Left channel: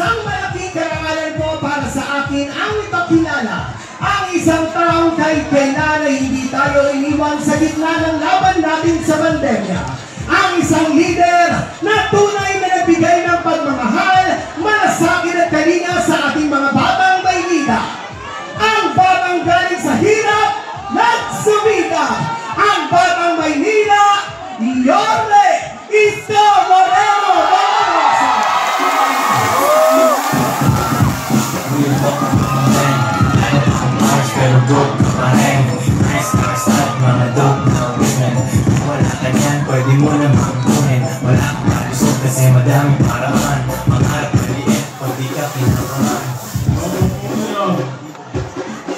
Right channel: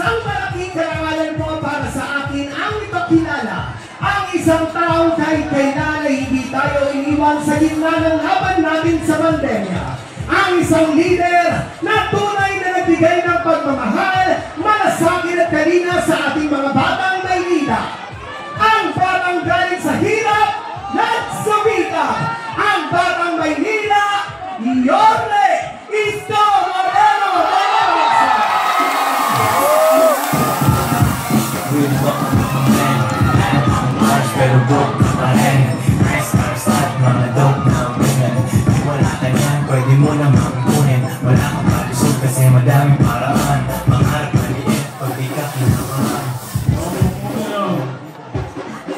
isang malaking karangalan po para sa akin ang ipakilala ang isang taong kahit kailan ay hindi tayo iniwan sa gitna ng laban natin sa pandemya. Ang isang leader na tunay na nagbigay ng pagmamahal, malasakit at kalinga sa ating mga batang Maynila. Ang batang galing sa hirap nagsumika. Ang batang Maynila, Yorme Isko Moreno. Pero broke pa rin. Stars at mga dope na women. Wala ka yan, pwede mo namang kunin. Wala akong palusog kasi madaming paraan. Mangharap maliit pag di ka pinakaman.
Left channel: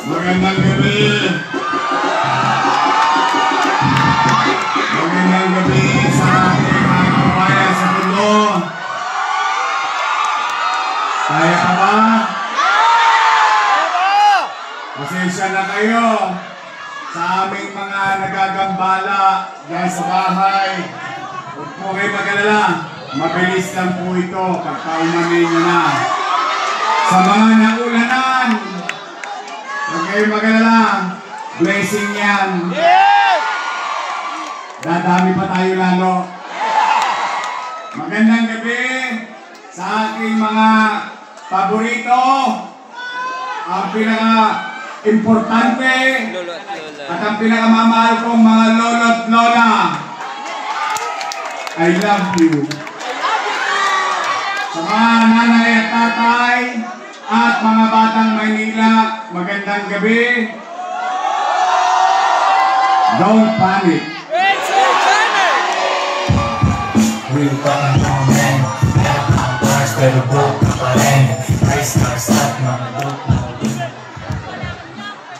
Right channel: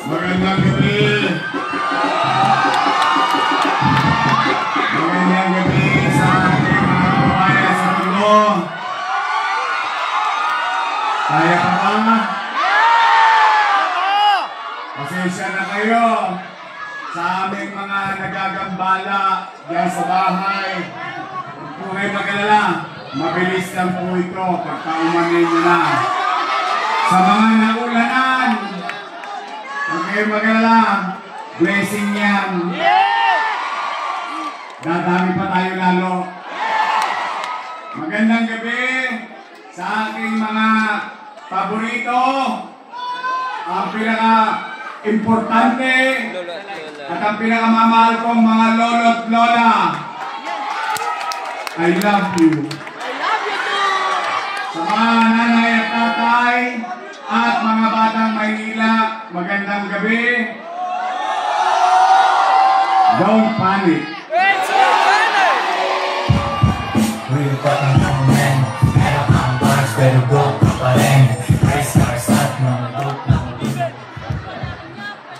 Magandang gabi. Magandang gabi sa ating mga kabayan sa mundo. Kaya pa ba? Pasensya na kayo sa aming mga nagagambala dyan sa bahay. Huwag po kayo mag-alala. Mabilis lang po ito pagka-umamin nyo na. Sa mga naulanan, huwag kayo mag-alala. Blessing yan. Dadami pa tayo lalo. Magandang gabi sa aking mga paborito. Ang pinaka-importante at ang pinakamamahal kong mga lolo at lola. I love you. Sa mga nanay at tatay at mga batang Maynila, magandang gabi. Don't panic. Real fucking man. Ang bars pero broke pa rin. Stars at mga dope na women.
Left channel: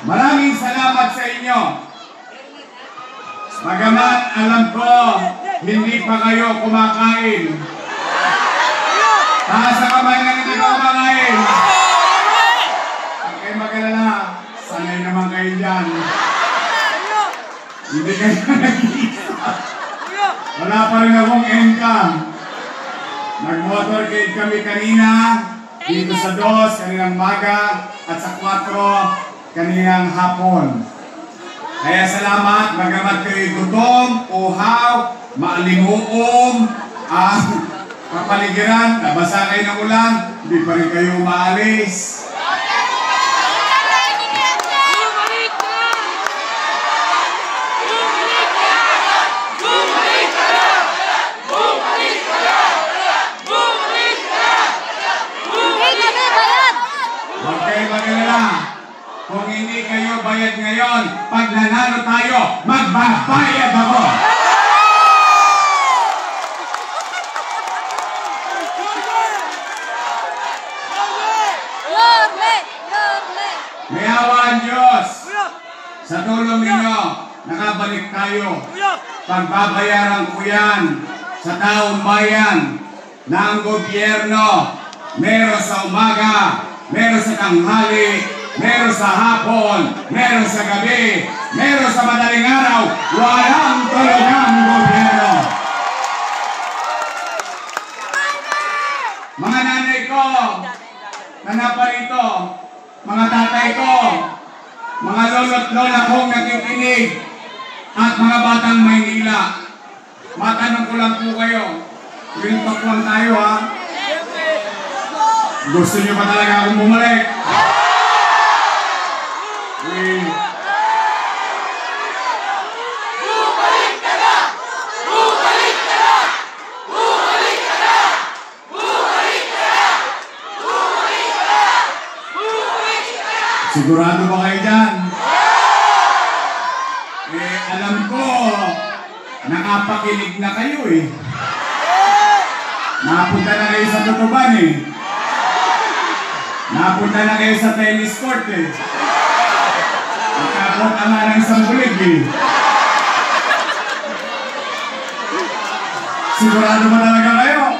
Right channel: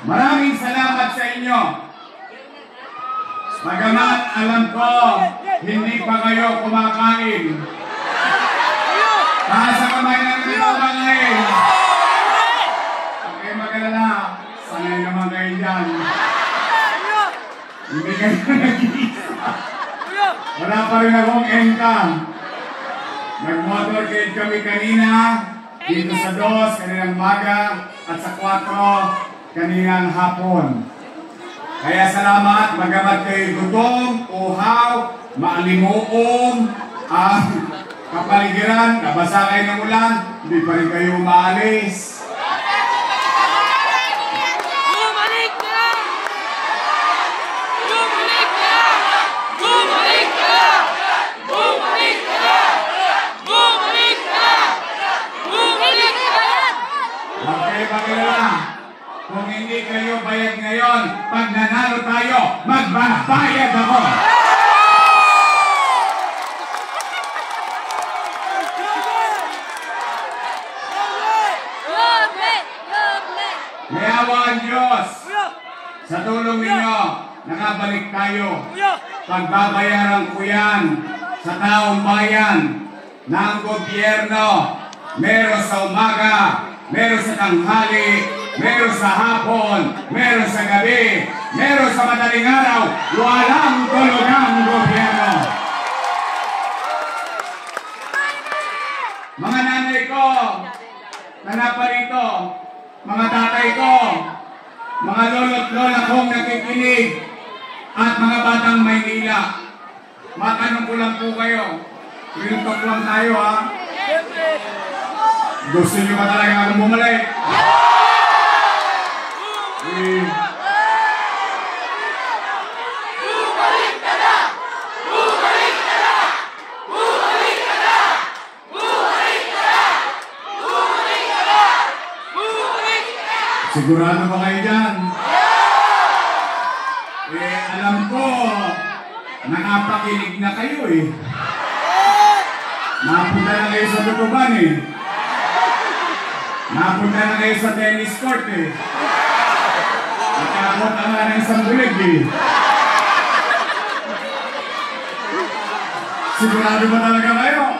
Maraming salamat sa inyo. Bagamat alam ko, hindi pa kayo kumakain. Taas sa kamay na hindi pa kumakain. Okay, mag-alala. Sanay naman kayo dyan. Hindi kayo nag-iisa. Wala pa rin akong income. Nag-motorcade kami kanina. Dito sa 2, kaninang maga, at sa 4, kaninang hapon. Kaya salamat, magamat kayo gutom, uhaw, maalimuom, kapaligiran, nabasa kayo ng ulan, hindi pa rin kayo maalis. Huwag kayo mag-alala. Kung hindi kayo bayad ngayon, pag nanalo tayo, magbabayad ako. May awa ang Diyos. Sa tulong ninyo, nakabalik tayo. Pagbabayaran ko yan sa taong bayan ng gobyerno. Meron sa umaga, meron sa tanghali, meron sa hapon, meron sa gabi, meron sa madaling araw, walang tulog ang gobyerno. Mga nanay ko, nanaparito, mga tatay ko, mga lolo't lola kong nakikinig, at mga batang Maynila, matanong ko lang po kayo, real talk lang tayo ha. Gusto niyo ba talaga akong bumalik? Bumalik ka na! Bumalik ka na! Bumalik ka na! Bumalik ka na! Bumalik ka na! Bumalik ka na! Sigurado ba kayo dyan? Alam ko, nakapakinig na kayo eh. Napunta na kayo sa tutuban eh. Napunta na kayo sa tennis court eh. Nagkakot ang nga ng sambulig eh. Sigurado mo talaga kayo?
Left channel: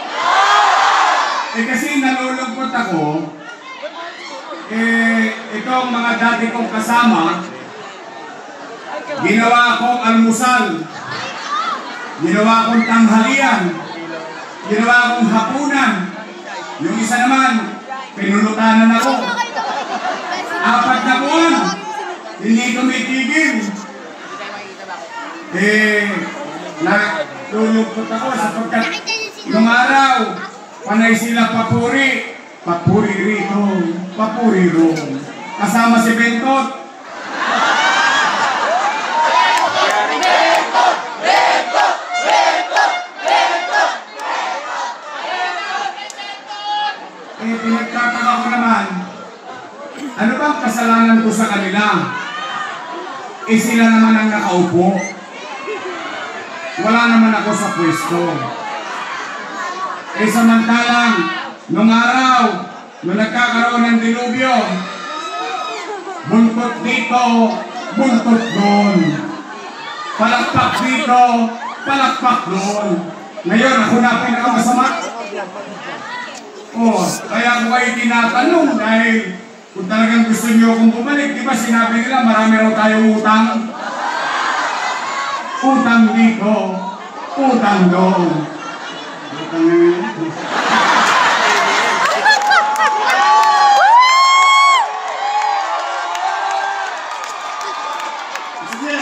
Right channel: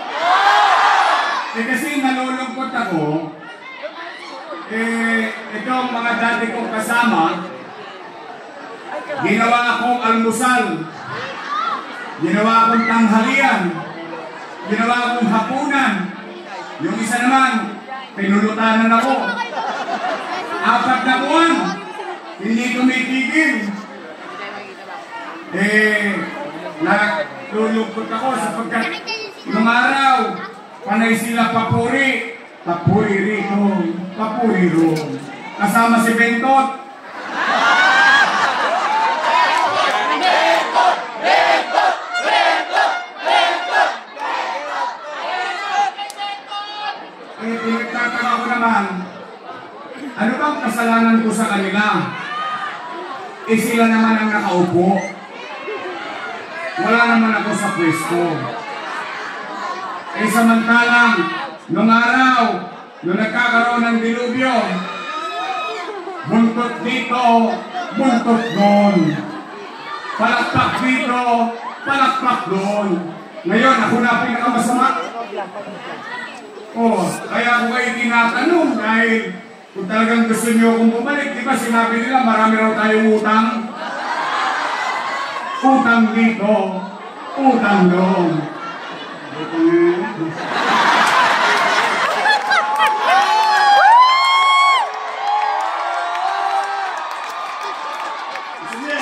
Kasi nalulungkot ako. Itong mga dati kong kasama, ginawa akong almusal, ginawa akong tanghalian, ginawa akong hapunan, Yung isa naman, pinulutanan ako. 4 na buwan, hindi tumitigil. Natulugkot ako sapagkat nung araw, panay sila papuri. Papuri rito, papuri roon. Kasama si Bentot. Pinagtataka ko naman, ano bang kasalanan ko sa kanila? Sila naman ang nakaupo. Wala naman ako sa pwesto. Samantalang, nung araw, nung nagkakaroon ng dilubyo, buntot dito, buntot doon. Palakpak dito, palakpak doon. Ngayon, ako na pinakamasama. Kaya ako kayo tinatanong dahil kung talagang gusto niyo akong bumalik, di ba sinabi nila marami raw tayong utang? Utang dito, utang doon. Sige,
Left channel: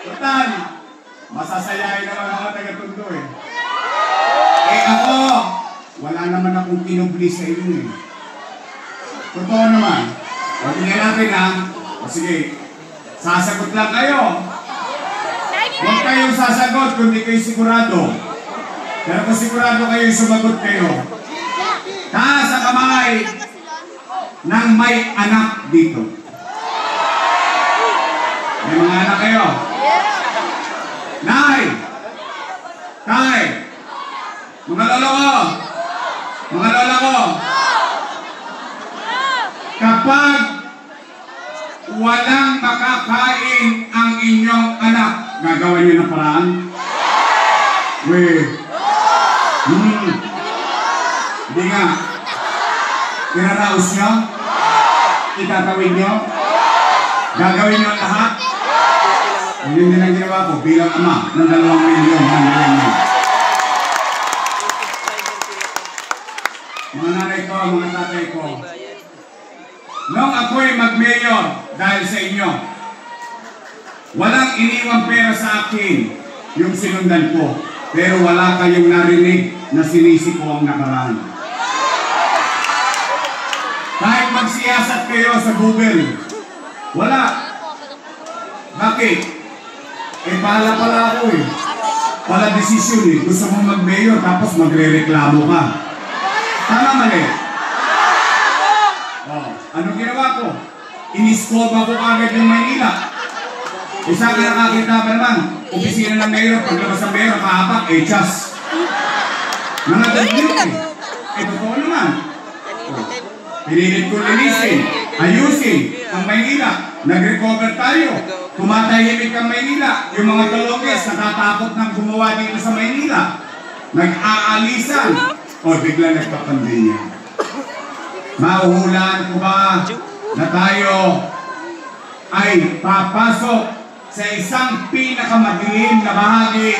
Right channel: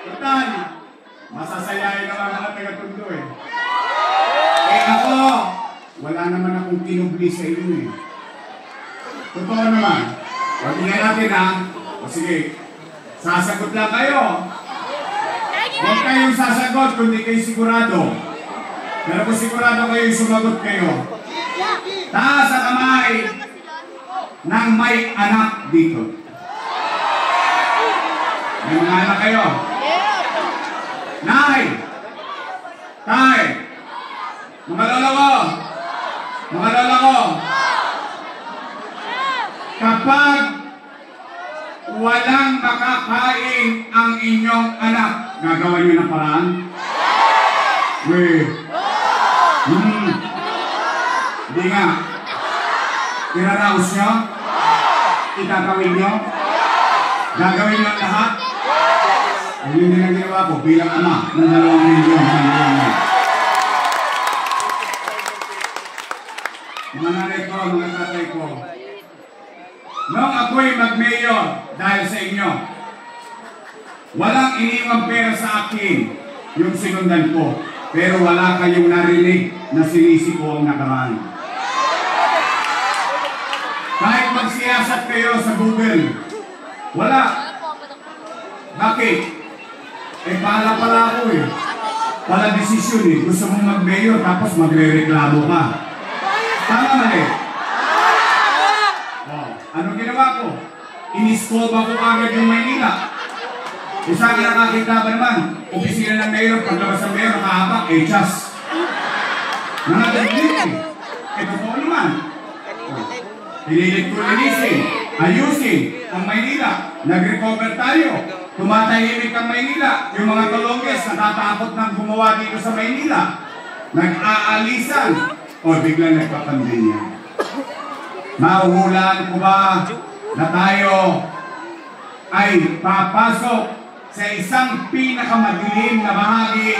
total, masasayahin naman mga taga-Tondo eh. Ako, wala naman akong kinubli sa inyo eh. Totoo naman. Pagkinggan natin ha. Sige, sasagot lang kayo. Huwag kayong sasagot kung di kayo sigurado. Pero kung sigurado kayo, sumagot kayo. Taas ang kamay ng may anak dito. May mga anak kayo. Nay! Tay! Mga lola ko! Mga lola ko! Kapag walang makakain ang inyong anak, gagawa niyo ng paraan? Hindi nga. Kinaraos nyo? Itatawin nyo? Gagawin nyo lahat? Yun din ang ginawa ko bilang ama ng 2 milyon ng milyon. Mga nanay ko, mga tatay ko, nung ako'y mag-mayor dahil sa inyo, walang iniwang pera sa akin yung sinundan ko, pero wala kayong narinig na sinisi ko ang nakaraan. Kahit magsiyasat kayo sa Google, wala. Bakit? Bahala pala ako eh. Pala desisyon eh. Gusto mo mag-mayor tapos magre-reklamo ka. Tama mali? Anong ginawa ko? Iniskoba ko agad yung Maynila. Sa akin nakakita ba naman? Opisina ng mayor, paglabas ng mayor, kahapak, chas. Nanagaglit eh. Totoo naman. Pinilit ko linisin, ayusin ang Maynila. Nag-recover tayo. Tumatahimik ang Maynila. Yung mga Tolonges natatakot nang gumawa dito sa Maynila. Nag-aalisan. Biglang nagpapandemya. Mahuhulaan ko ba na tayo ay papasok sa isang pinakamadilim na bahagi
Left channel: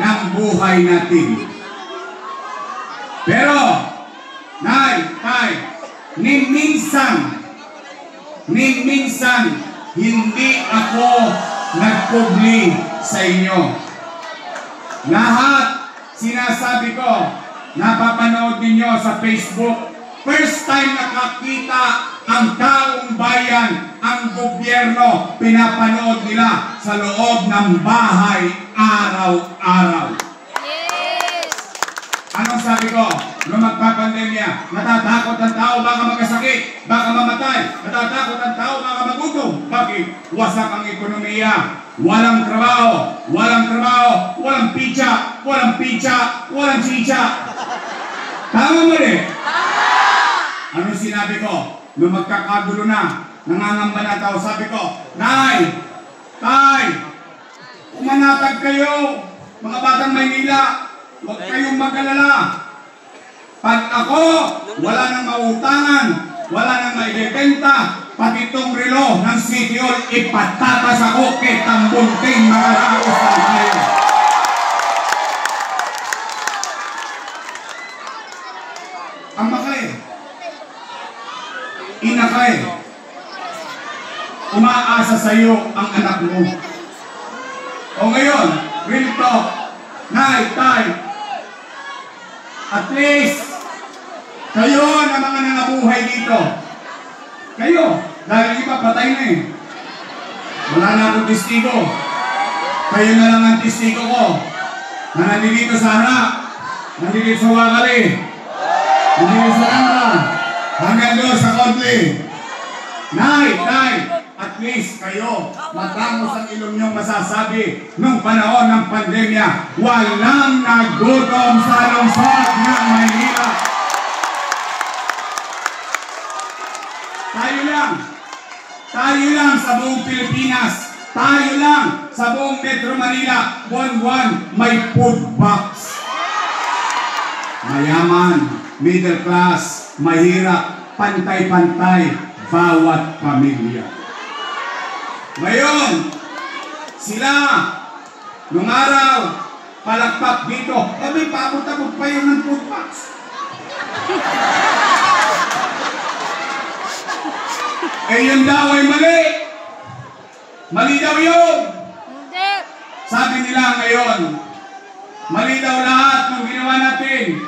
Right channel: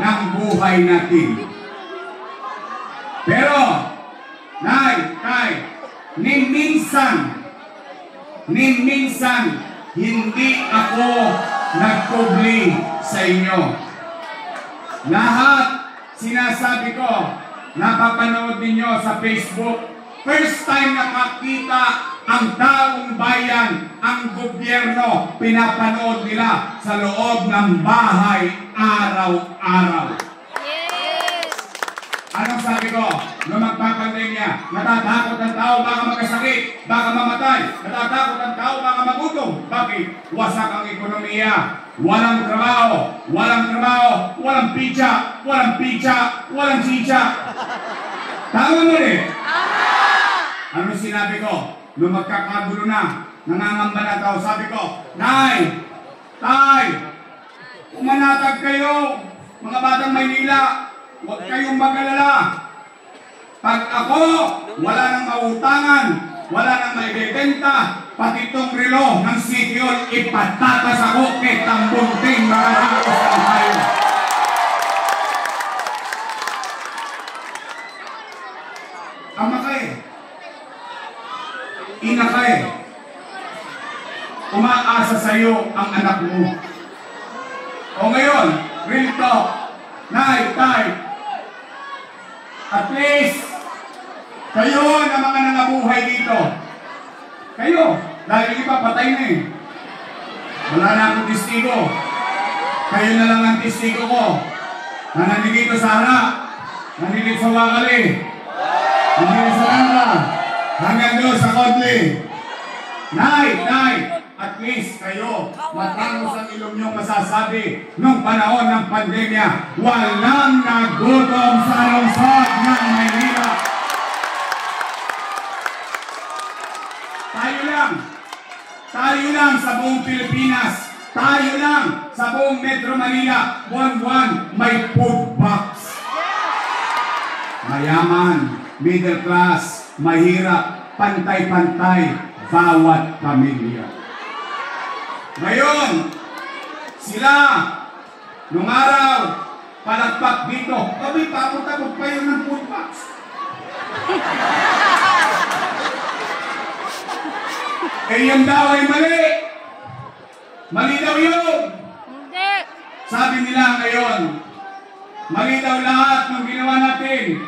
ng buhay natin? Pero, Nay, Tay, ni minsan, hindi ako nagpubli sa inyo. Lahat sinasabi ko, napapanood ninyo sa Facebook. First time nakakita ang taong bayan, ang gobyerno, pinapanood nila sa loob ng bahay araw-araw. Yes! Anong sabi ko? Nung magpapandemya, natatakot ang tao baka magkasakit, baka mamatay. Natatakot ang tao baka magutom. Bakit? Wasak ang ekonomiya. Walang trabaho, walang pizza, walang chicha. Tama mo rin? Anong sinabi ko? Nung magkakagulo na, nangangamba na tao, sabi ko, Nay, Tay, umanatag kayo, mga batang Maynila, huwag kayong mag-alala. Pag ako, wala nang mautangan, wala nang maibibenta, pati itong relo ng City Hall, ipatatas ako kay tambunting mga rakos ng tayo. Ang ina ka eh. Umaasa sa'yo ang anak mo. O ngayon, real talk, nay, tay, at least, kayo na mga nangabuhay dito. Kayo, dahil iba patay na eh. Wala na akong testigo. Kayo na lang ang testigo ko. Na nandito sa harap, nandito sa wakali, nandito sa kanta, hanggang doon sa kodli. Nay, at least kayo, matangos ang ilong nyo masasabi, nung panahon ng pandemya, walang nagutom sa lungsod ng Maynila. Tayo lang sa buong Pilipinas, tayo lang sa buong Metro Manila, buwan-buwan may food box. Mayaman, middle class, mahirap, pantay-pantay, bawat pamilya. Ngayon, sila, nung araw, palagpak dito, may papunta-pag pa yun ng food box. Eh yun daw ay mali. Mali daw yun. Hindi. Sabi nila ngayon, mali daw lahat ng ginawa natin.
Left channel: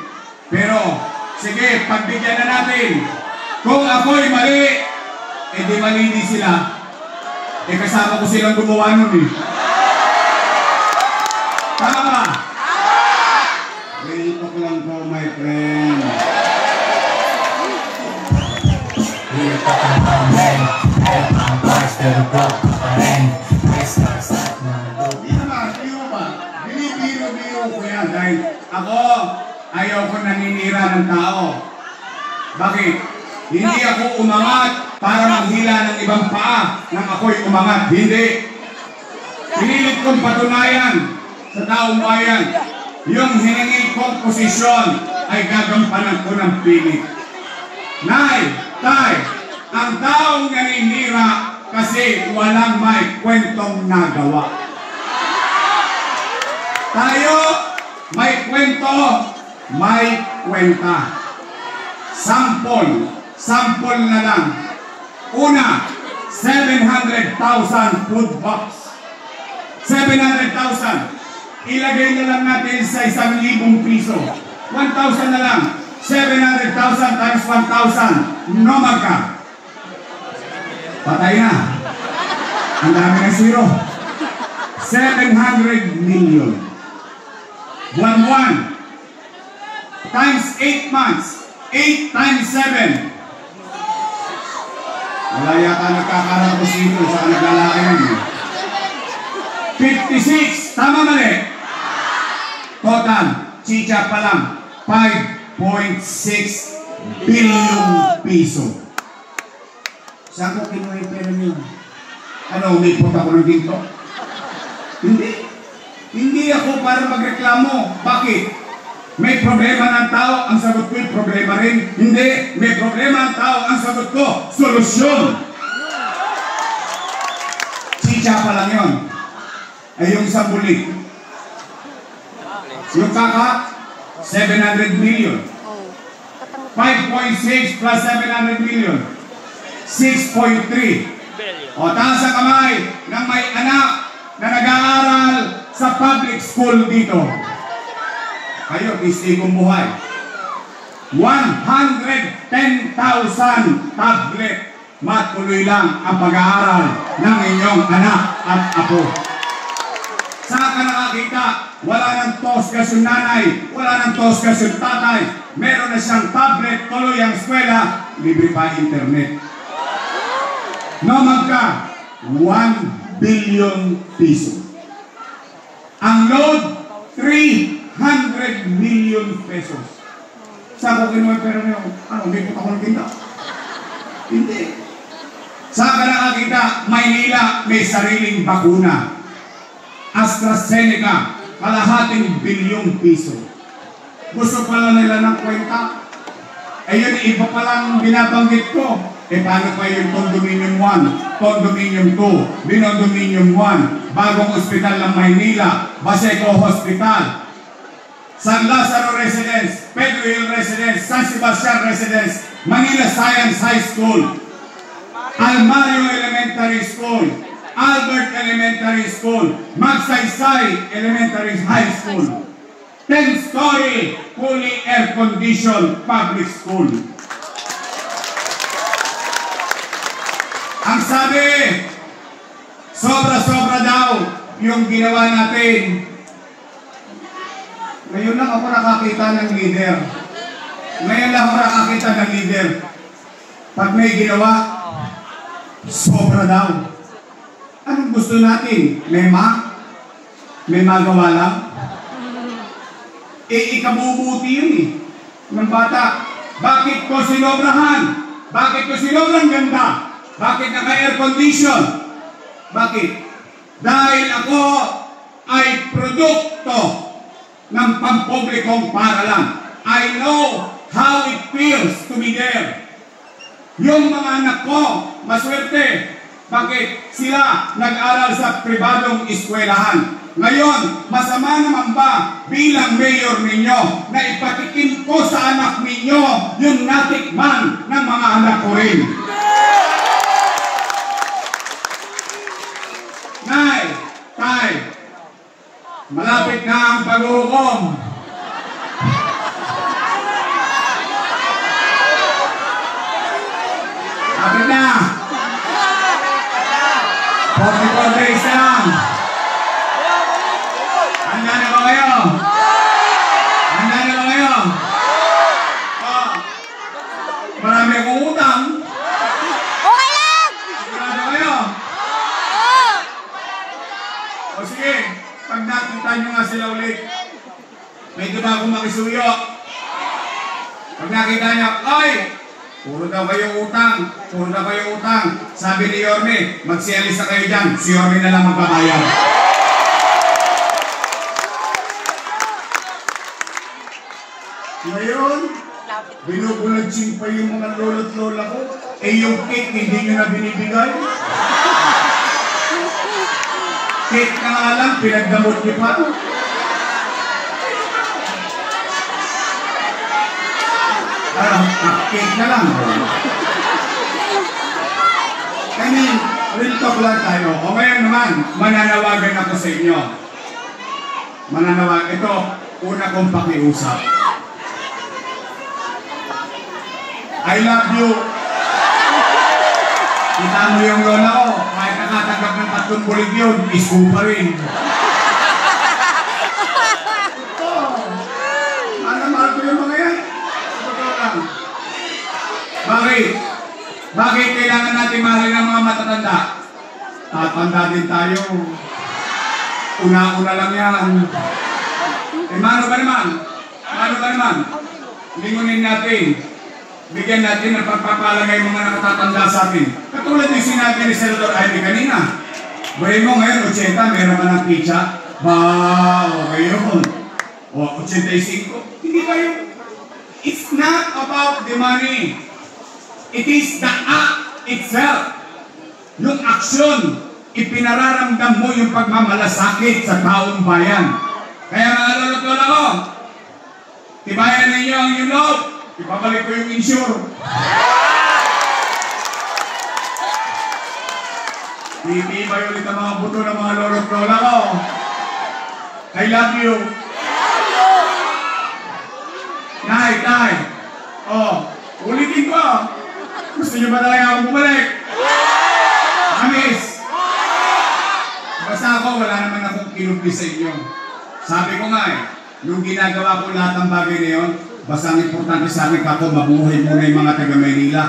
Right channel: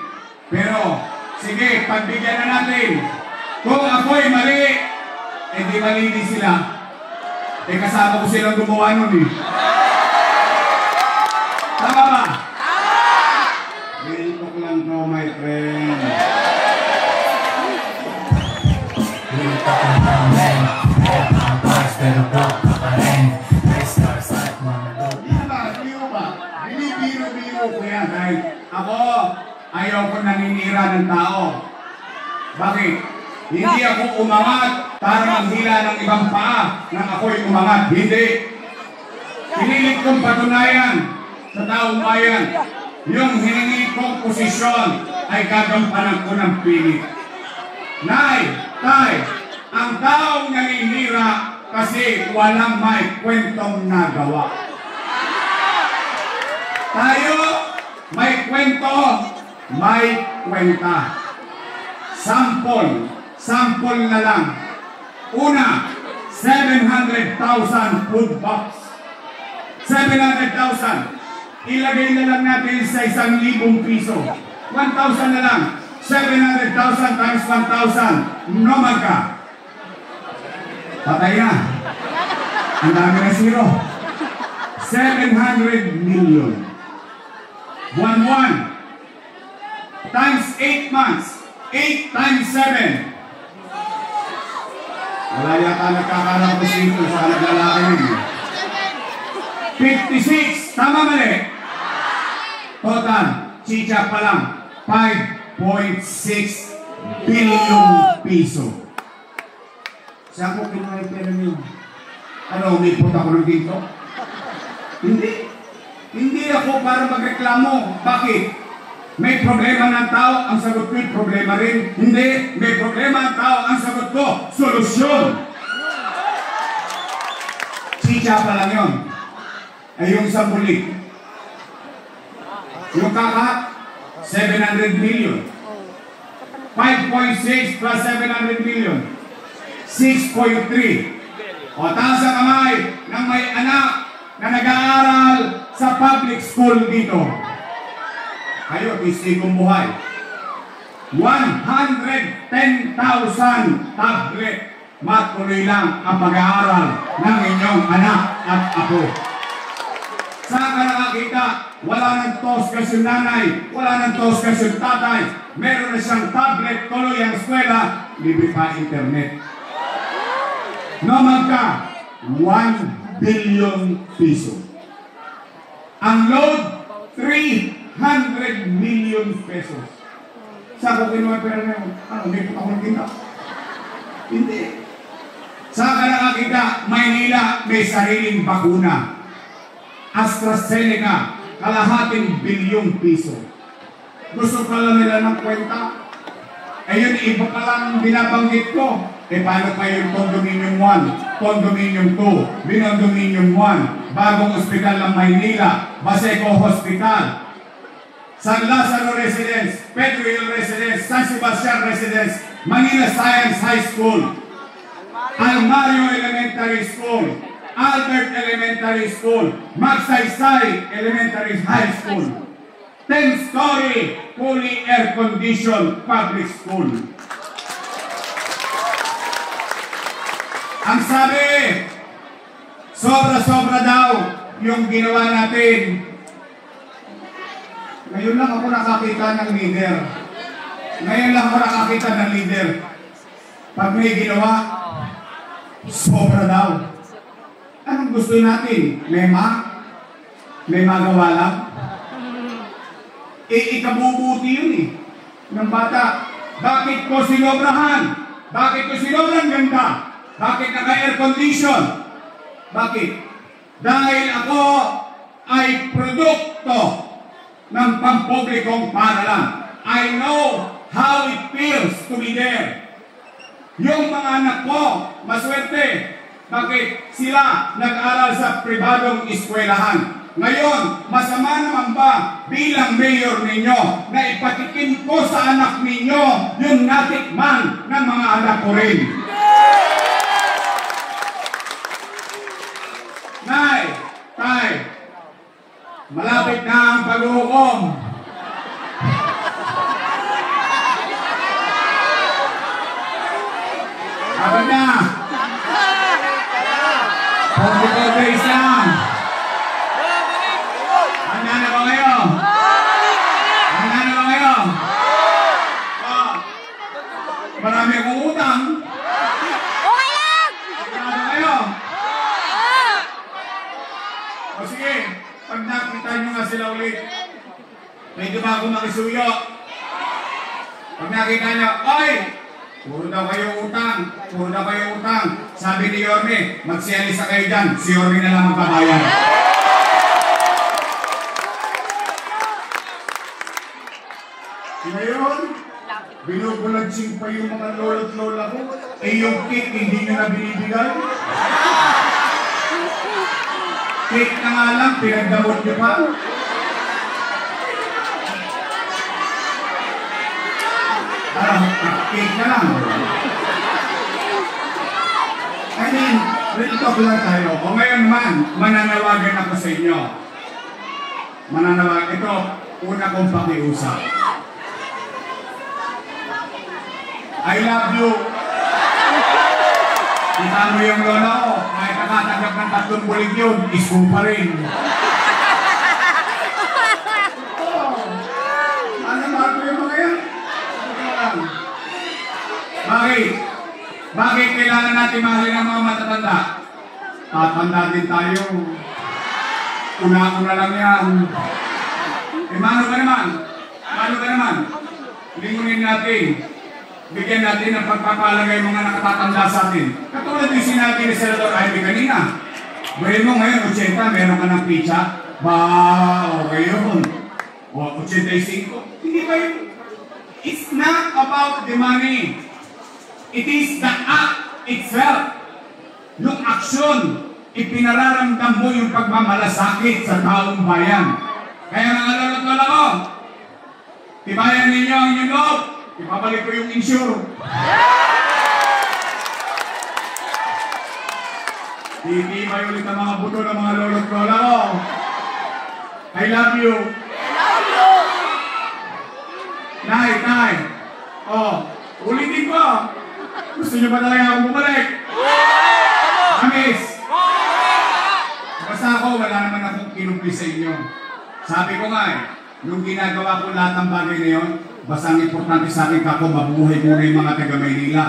Pero, sige, pagbigyan na natin. Kung ako'y mali, eh di mali din sila. Eh kasama ko silang gumawa nun eh. Tama ba? Real talk lang to, my friend. Real talk lang to, men. Kaya ang bars, pero block ka pa rin. Restart, start, mga dope. Biro ba? Biro ko yan dahil ako ayaw ko naninira ng tao. Bakit? Hindi ako umangat para manghila ng ibang paa nang ako'y umangat. Hindi. Pinilit kong patunayan sa taong bayan yung hiningi kong posisyon ay gagampanan ko ng pilit. Nay, tay, ang taong naninira kasi walang may kwentong nagawa. Tayo, may kwento, may kwenta. Sample na lang. Una, 700,000 food box. 700,000. Ilagay na lang natin sa 1,000 piso. 1,000 na lang. 700,000 times 1,000. Nomad ka. Patay na. Ang dami na zero. 700 million. 1 times 8 months. 8 times 7. Wala yata nagkakarang posito sa naglalaki nun. 56. Tama mali? Total, chicha pa lang, 5.6 billion piso. Saan ko kinuha yung pera niyo? Ano, umipot ako ng dito? Hindi ako para magreklamo. Bakit? May problema ng tao, ang sagot ko'y problema rin. Hindi, may problema ang tao, ang sagot ko, solusyon. Chicha pa lang yun. Ay yung sambulik. Yung kaka, 700 million. 5.6 plus 700 million. 6.3. O taas ang kamay ng may anak na nag-aaral sa public school dito. Kayo, istigong buhay. 110,000 tablet. Matuloy lang ang pag-aaral ng inyong anak at apo. Saan ka nakakita? Wala ng toskas yung nanay, wala ng toskas yung tatay. Meron na siyang tablet, tuloy ang eskwela, libre pa internet. Nomad ka, 1 billion piso. Ang load, 300 million pesos. Saan ko kinuha pero niyo? Ano, may ko ako nakita? Hindi. Saan ka nakakita? Maynila, may sariling bakuna. AstraZeneca, kalahating bilyong piso. Gusto pala nila ng kwenta? Ayun, iba palang binabanggit ko. Eh, paano pa yung Condominium 1, Condominium 2, Binondominium 1, bagong ospital ng Maynila, Baseco Hospital, San Lazaro Residence, Pedro Hill Residence, San Sebastian Residence, Manila Science High School, Almario Elementary School, Albert Elementary School, Magsaysay Elementary High School, 10-story, fully air-conditioned public school. Ang sabi, sobra-sobra daw yung ginawa natin. Ngayon lang ako nakakita ng leader. Ngayon lang ako nakakita ng leader. Pag may ginawa, sobra daw. Anong gusto natin? May magawa lang? Ikabubuti yun eh. Ng bata. Bakit ko sinobrahan? Bakit ko sinobrang ganda? Bakit naka-air condition? Bakit? Dahil ako ay produkto ng pampublikong paaralan. I know how it feels to be there. Yung mga anak ko, maswerte. Bakit? Sila nag-aral sa pribadong eskwelahan. Ngayon, masama naman ba bilang mayor ninyo na ipatikin ko sa anak ninyo yung natikman ng mga anak ko rin? Nay, tay, malapit na ang pag-uukom. Kapit na. 44 days lang. Handa na ba kayo? Handa na ba kayo? Marami akong utang. Okay lang! Handa na kayo? O sige, pag nakita nyo nga sila ulit, pwede ba ako makisuyo? Pag nakita nyo, oy! Puro daw kayo utang. Puro daw kayo utang. Sabi ni Yorme, magsialisa kayo dyan. Si Yorme na lang magbabayad. Ngayon, binubulagsing pa yung mga lolo't lola ko. Eh yung cake, hindi nyo na binibigay. Cake na nga lang, pinagdamot nyo pa. Cake na lang. I mean, real talk lang tayo. O ngayon naman, mananawagan ako sa inyo. Mananawagan. Ito, una kong pakiusap. I love you. Kita mo yung lola ko, kahit nakatanggap ng 3 bulig yun, isko pa rin. Mahal ko yung mga yan. Bakit kailangan natin mahalin ang mga matatanda? Tatanda din tayo. Una-una lang yan. Eh, mano ba naman? Mano ba naman? Lingunin natin. Bigyan natin ng pagpapalagay mga nakatatanda sa atin. Katulad yung sinabi ni Senator Ivy kanina. Bayan mo ngayon, 80, meron ka ng pizza. Ba, okay yun. O, 85. Hindi ba yun? It's not about the money. It is the act itself. Yung aksyon, ipinararamdam mo yung pagmamalasakit sa taong bayan. Kaya mga lolo't-lola ko, tibayan ninyo ang yung loob. Ipabalik ko yung insure. Titibay ulit ang mga buto ng mga lolo't-lola ko. I love you. Nay. Oh, ulitin ko. Gusto nyo ba talaga akong bumalik? Amis! Basta ako, wala naman akong kinupli sa inyo. Sabi ko nga nung ginagawa ko lahat ng bagay na yun, basta ang importante sa akin kako, mabuhay muna yung mga taga-Maynila.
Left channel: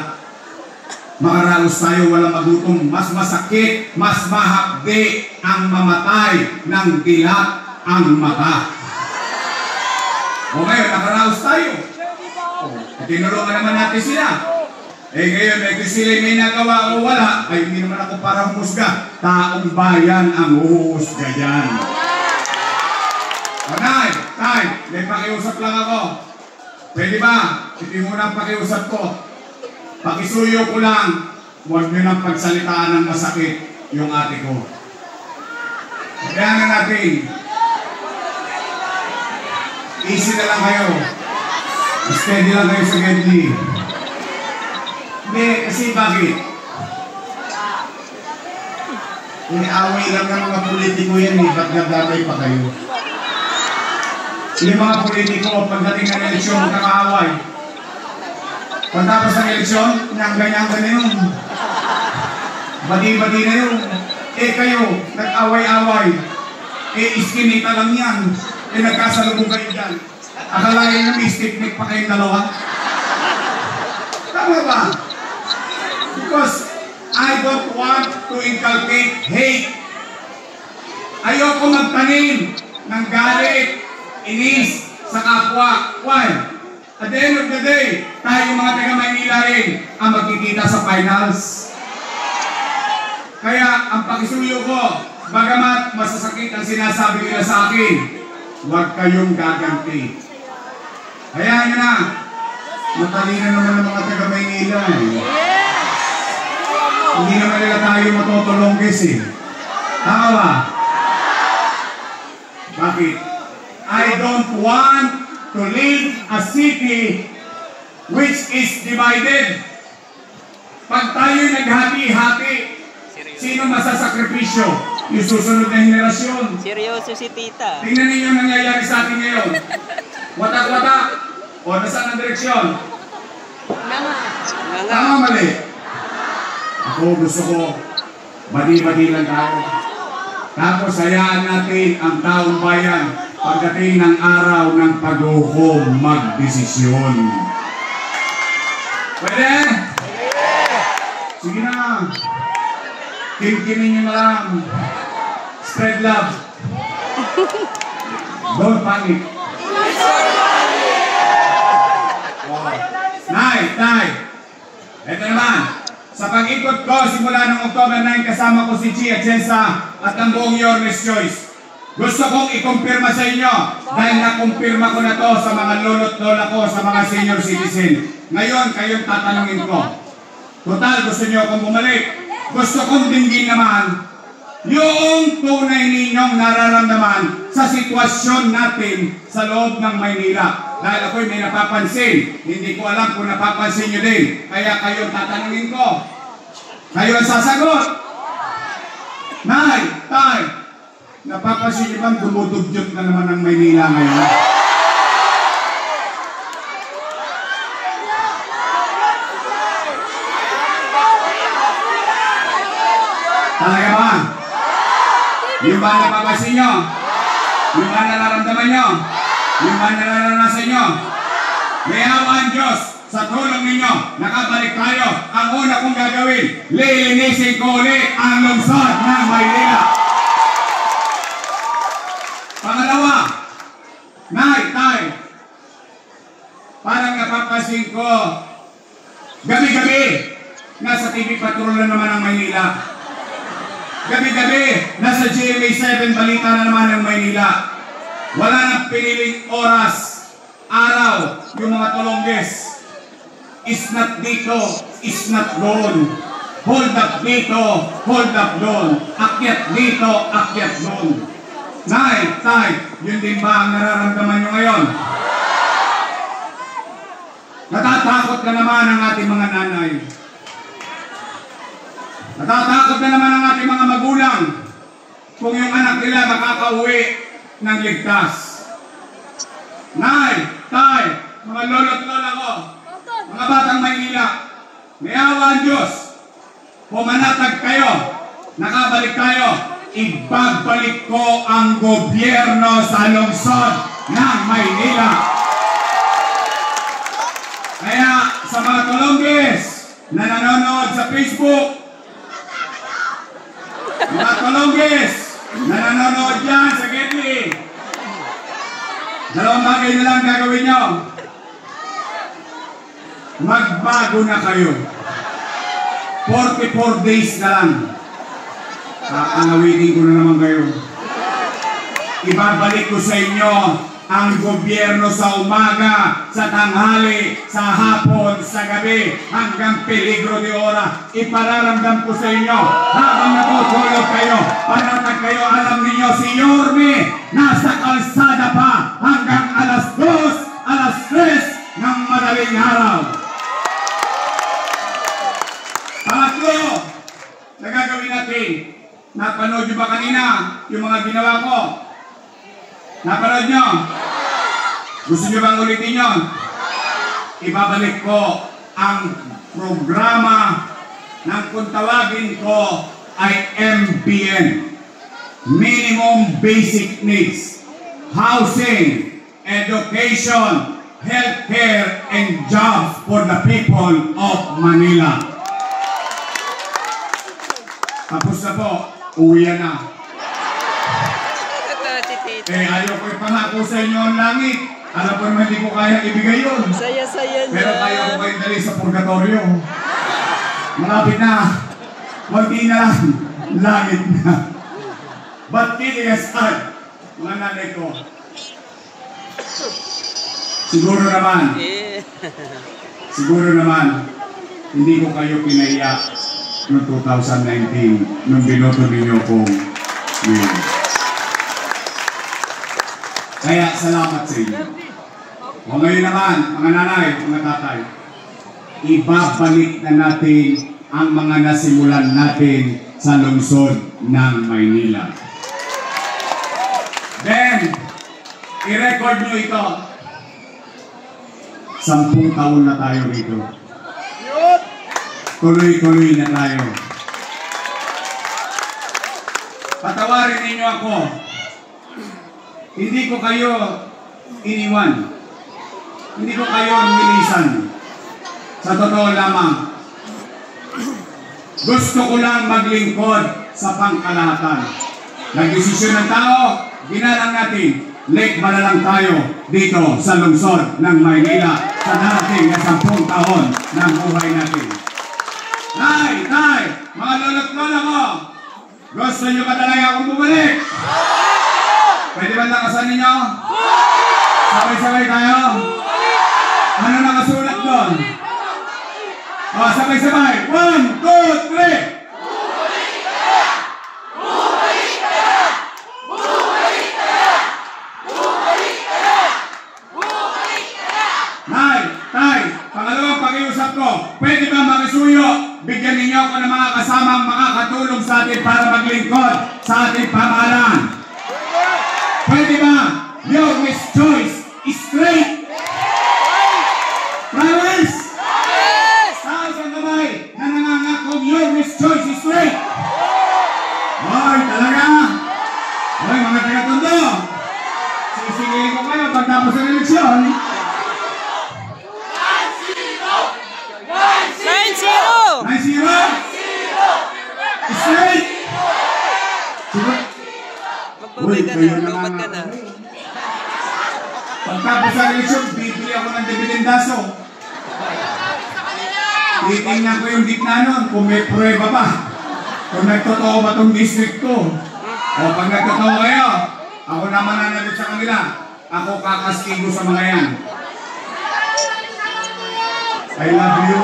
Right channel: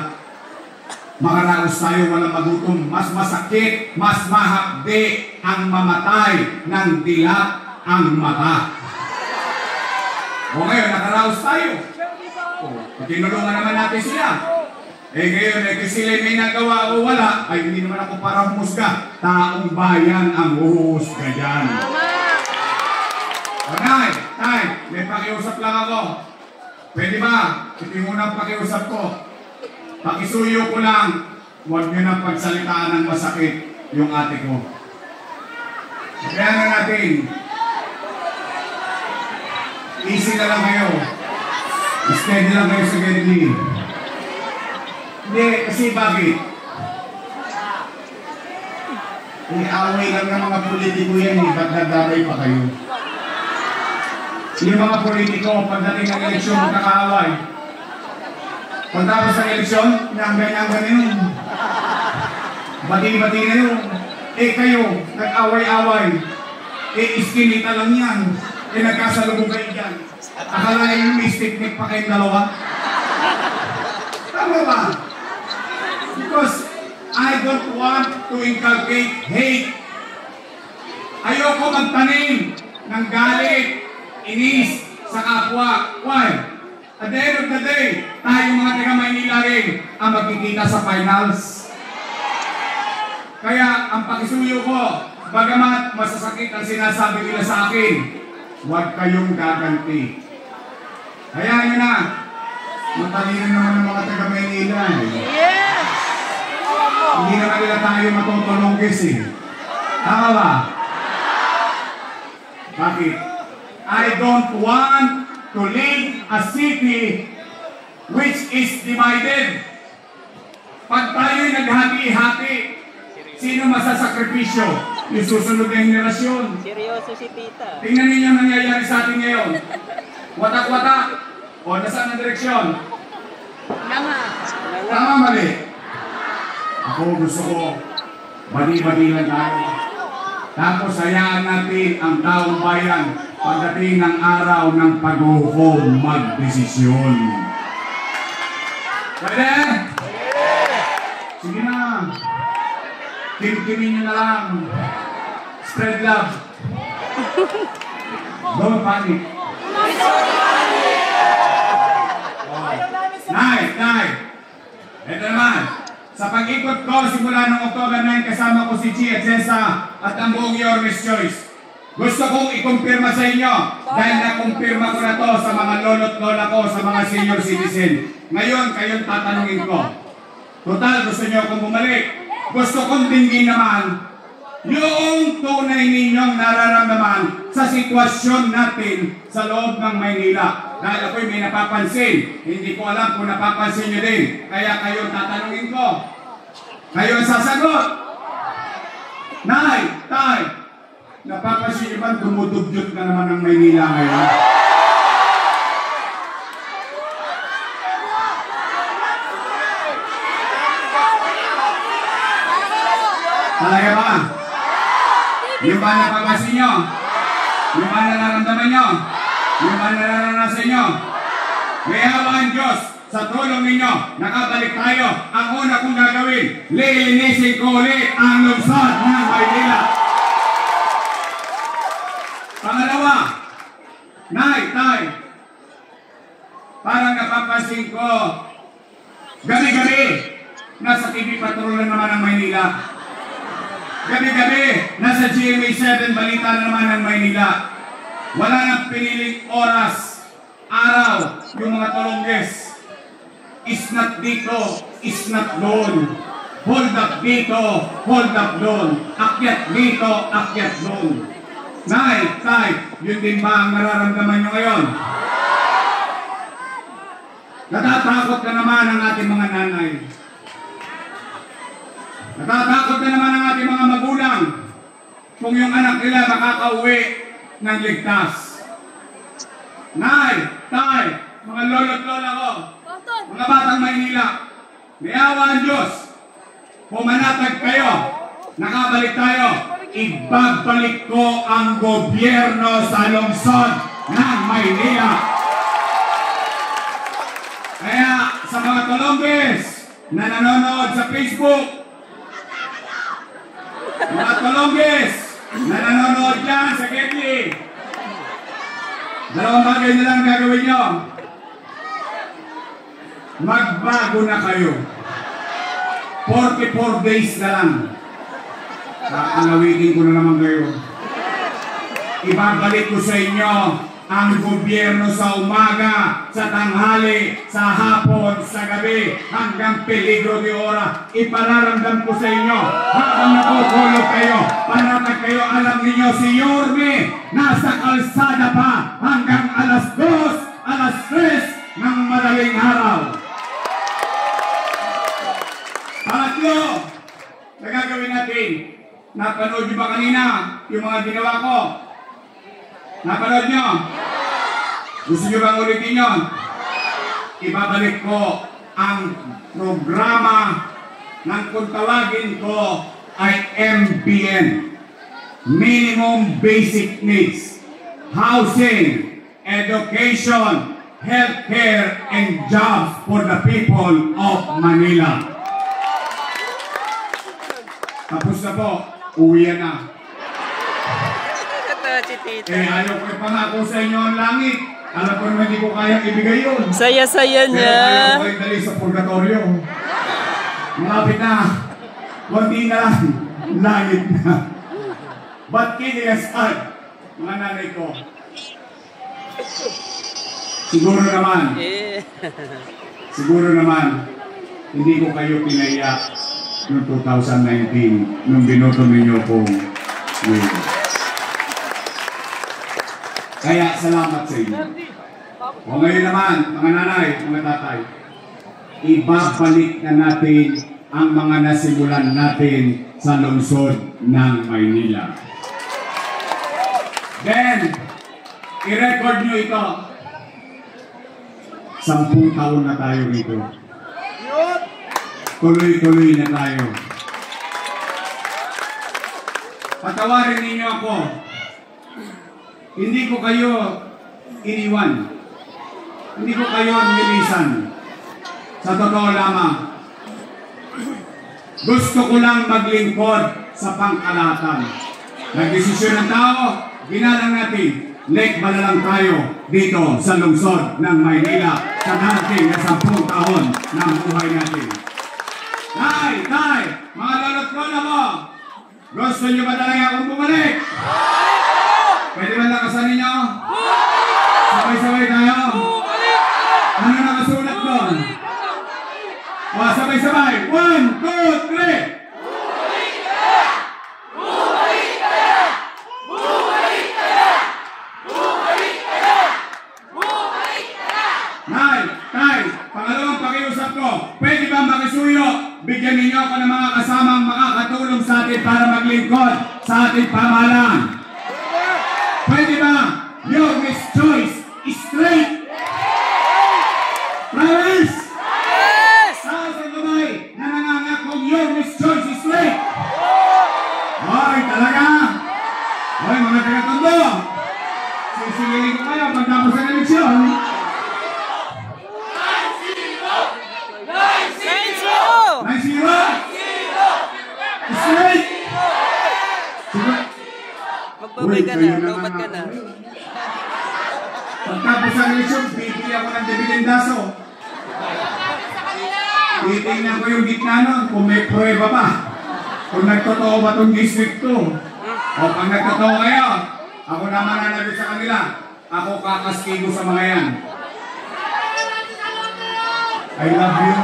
Makaraos tayo, walang magutom. Mas masakit, mas mahapde ang mamatay ng dilat ang mata. O ngayon, nakaraos tayo. Tinulungan naman natin sila. Eh ngayon, kung sila may nagawa o wala, ay hindi naman ako para humusga. Taong bayan ang huhusga dyan. Tay, may pakiusap lang ako. Pwede ba? Ito yung unang pakiusap ko. Pakisuyo ko lang, huwag nyo nang pagsalitaan ng masakit yung ate ko. Kaya na natin. Easy na lang kayo. Steady lang kayo sa Gedli. Hindi, kasi bakit? Iniaway lang ng mga politiko yan eh, ba't nagdatay pa kayo? Yung mga politiko, pagdating ng eleksyon, magkakaaway. Pagtapos ng eleksyon, inanggay-anggay na yun. Bati-bati na yun. Eh kayo, nag-away-away. Eh iskinita lang yan. Eh nagkasalubong kayo dyan. Akala nyo may stick-neck pa kayong dalawa? Tama ba? Because I don't want to inculcate hate. Ayoko magtanim ng galit, inis sa kapwa. Why? At the end of the day, tayo mga taga-Maynila rin ang magkikita sa finals. Kaya ang pakisuyo ko, bagamat masasakit ang sinasabi nila sa akin, huwag kayong gaganti. Hayaan nyo na. Matalino naman ang mga taga-Maynila eh. Hindi naman nila tayo matutulongkis eh. Tama ba? Bakit? I don't want to live a city which is divided. Pag tayo'y naghati-hati, sino masasakripisyo? Yung susunod na henerasyon. Seryoso si tita. Tingnan ninyo ang nangyayari sa atin ngayon. Watak-watak. O, nasaan ang direksyon? Tama, mali. Ako gusto ko, badi-badi lang tayo. Tapos hayaan natin ang taong bayan pagdating ng araw ng pag-uhom magdesisyon. Pwede? Sige na. Kimkimin nyo na lang. Spread love. Don't panic. Nay. Ito naman. Sa pag-ikot ko, simula ng October 9, kasama ko si Chia Chesa at ang buong Yormes Choice. Gusto kong ikumpirma sa inyo dahil nakumpirma ko na to sa mga lolo't lola ko, sa mga senior citizen. Ngayon, kayong tatanungin ko. Total, gusto nyo akong bumalik. Gusto kong dinggin naman yung tunay ninyong nararamdaman sa sitwasyon natin sa loob ng Maynila. Dahil ako'y may napapansin, hindi ko alam kung napapansin nyo din. Kaya kayo tatanungin ko. Kayo ang sasagot. Nay, tay, napapansin nyo ba dumudugyot na naman ng Maynila ngayon? Talaga ba? Yung ba napapansin nyo? Yung ba nararamdaman nyo? Yung ba nararanasan nyo? May awa ang Diyos sa tulong ninyo. Nakabalik tayo. Ang una kong gagawin, lilinisin ko ulit ang lungsod ng Maynila. Pangalawa, nay, tay, parang napapansin ko, gabi-gabi, nasa TV Patrol na naman ang Maynila. Gabi-gabi, nasa GMA 7 balita na naman ang Maynila. Wala nang piniling oras, araw, yung mga tulongges. Is not dito, is not doon. Hold up dito, hold up doon. Akyat dito, akyat doon. Nay, tay, yun din ba ang nararamdaman nyo ngayon? Natatakot na naman ang ating mga nanay. Natatakot na naman ang ating mga magulang kung yung anak nila makakauwi ng ligtas. Nay, tay, mga lolo't lola ko, mga batang Maynila, may awa ang Diyos. Pumanatag kayo, nakabalik tayo, ibabalik ko ang gobyerno sa lungsod ng Maynila. Kaya sa mga Colombians na nanonood sa Facebook, mga Colombians na nanonood dyan sa Getty, dalawang bagay na lang gagawin nyo. Magbago na kayo. 44 days na lang. Kakalawitin ko na naman kayo. Ibabalik ko sa inyo ang gobyerno sa umaga, sa tanghali, sa hapon, sa gabi, hanggang peligro de ora. Ipararamdam ko sa inyo habang natutulog kayo, panatag kayo, alam ninyo si Yorme nasa kalsada pa hanggang alas 2, alas 3 ng madaling araw. Pangatlo na gagawin natin, Napanood nyo ba kanina yung mga ginawa ko? Napanood nyo? Gusto nyo bang ulitin yun? Ibabalik ko ang programa ng kung tawagin ko ay MBN. Minimum Basic Needs. Housing, education, healthcare, and jobs for the people of Manila. Tapos na po, uwi na. Ayaw ko ipangako sa inyo ang langit. Alam ko naman hindi ko kaya ibigay yun. Saya-saya niya. Pero ayaw ko kayo dali sa purgatorio. Malapit na. Kunti na lang. Langit na. But kidding aside, mga nanay ko, siguro naman, hindi ko kayo pinaiyak noong 2019 nung binoto ninyo kong win. Kaya salamat sa inyo. O ngayon naman, mga nanay, mga tatay, ibabalik na natin ang mga nasimulan natin sa lungsod ng Maynila. Then, i-record nyo ito. 10 taon na tayo rito. Tuloy-tuloy na tayo. Patawarin ninyo ako. Hindi ko kayo iniwan. Hindi ko kayo nilisan. Sa totoo lamang, gusto ko lang maglingkod sa pangkalahatan. Nagdesisyon ng tao, ginalang natin, late ba na lang tayo dito sa lungsod ng Maynila sa dating na 10 taon ng buhay natin. Tay! Mga lolo't lola mo! Gusto nyo ba talaga akong bumalik? Pwede ba nakasan ninyo? Sabay-sabay tayo? Ano nakasulat doon? O, sabay-sabay! 1, 2, 3! Tay, pangalawang pakiusap ko, pwede ba makisuyo? Bigyan ninyo ako ng mga kasamang makakatulong sa atin para maglingkod sa ating pamahalaan. Pwede ba? Your Miss Choice is straight. Promise? Yes! Taas ang kamay na nangangakong your Miss Choice is straight. Hoy, talaga? Hoy, mga taga-tondo. Sisigilin ko kayo pagtapos ng eleksyon. 9-0! Straight! Magbabay ka na, lumat ka na. Pagkapos ng eleksyon, bibili ako ng dibidendaso. Titingnan ko yung gitna nun kung may prueba pa. Kung nagtotoo ba itong district ko. O pag nagtotoo kayo, ako na mananagot sa kanila. Ako kakastigo sa mga yan. I love you.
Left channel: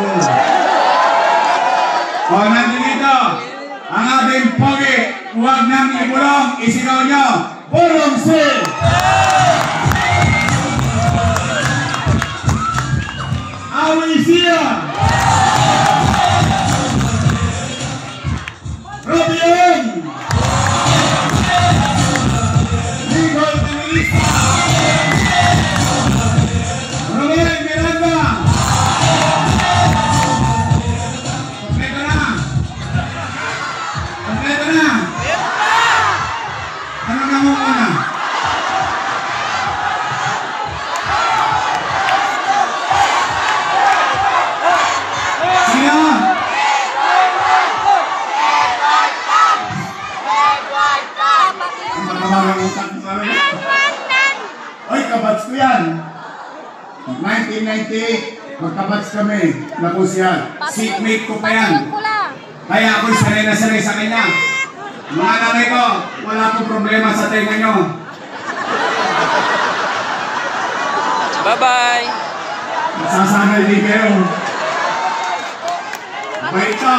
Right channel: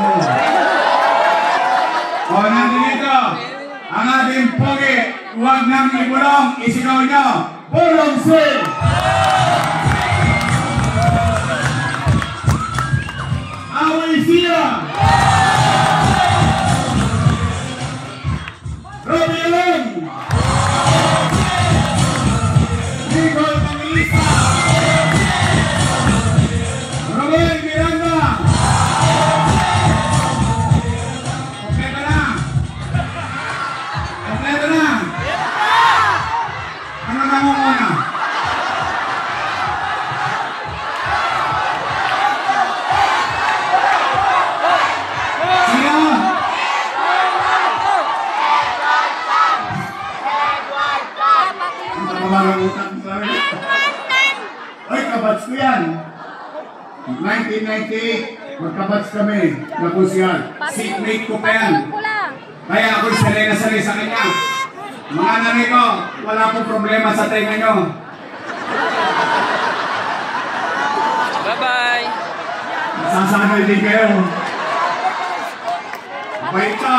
O nandito, ang ating pogi, huwag nang ibulong, isinaw nyo, Purong Sil! Away siya! Robion! Nicole Manilista! Romel Miranda! Kompleto na! Ano na mo muna? Sino? Ay, kabats ko yan. 1998, magkabats kami. Napos yan. Seatmate ko pa yan. Kaya ako'y sanay na sanay sa kanya. Mga nanay ko, wala akong problema sa tenga nyo. Bye-bye! Nasasanay din kayo. Bait ka.